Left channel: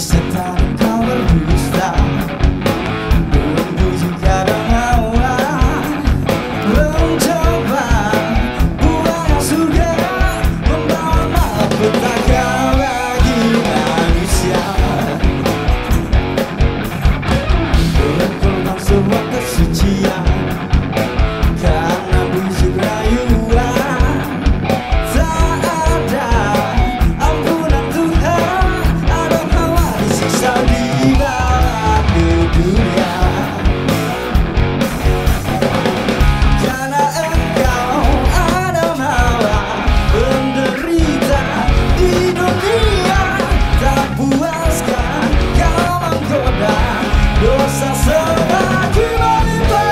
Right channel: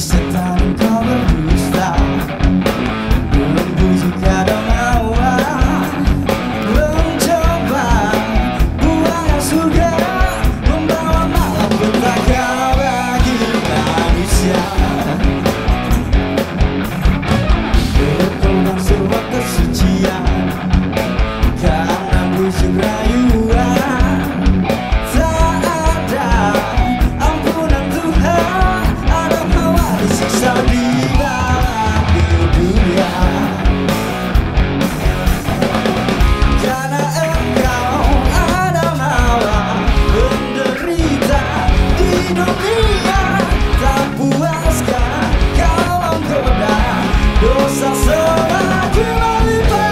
Setan kau berdusta, membujuk kadang hawa, mencoba buang surga, membawa malapetaka bagi manusia. Berkorban sebuah kesucian karena bujuk rayuan. Tak ada ampunan Tuhan, Adam Hawa disiksa dibawa ke dunia. Karena engkau Adam Hawa menderita di dunia, tak puaskah kau menggoda dosa semakin melimpah.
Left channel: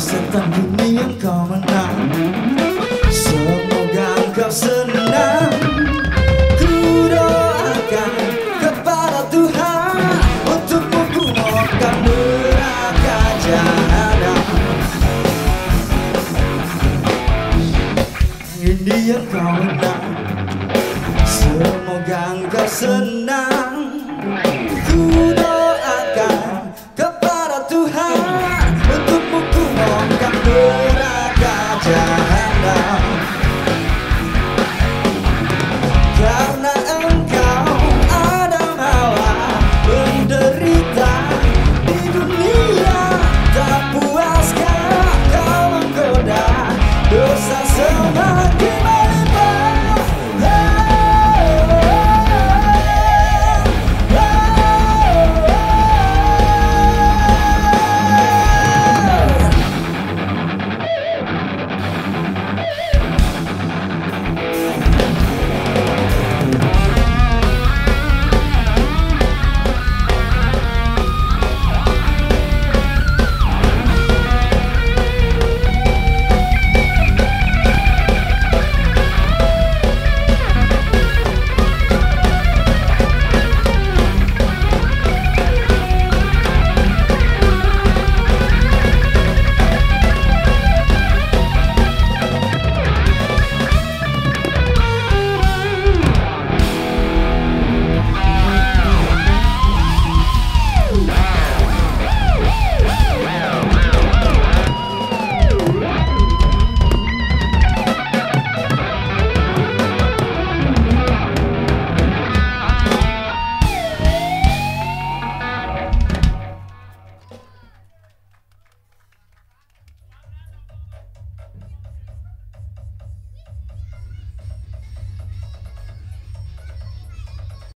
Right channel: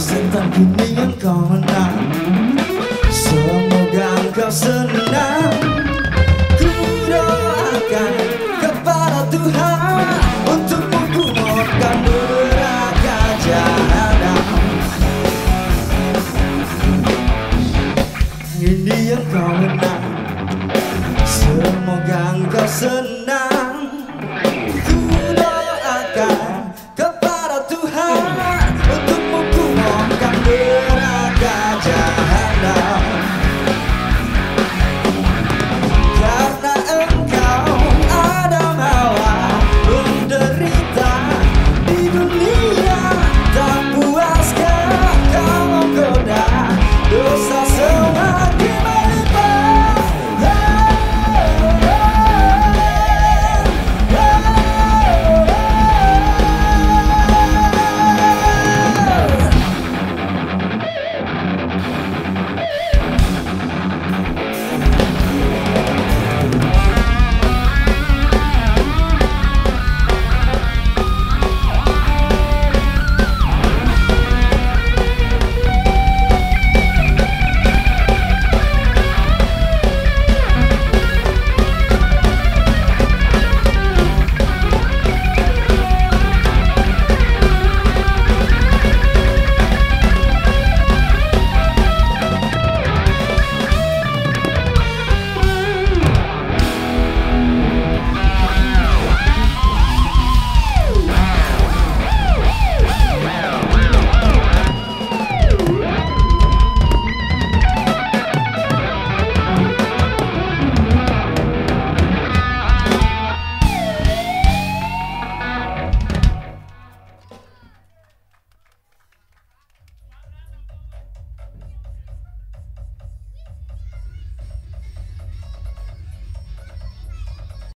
Setan kini engkau menang, semoga engkau senang. Ku doakan kepada Tuhan untukmu, ku mohonkan neraka jahanam. Ini engkau menang, semoga engkau senang. Ku doakan kepada Tuhan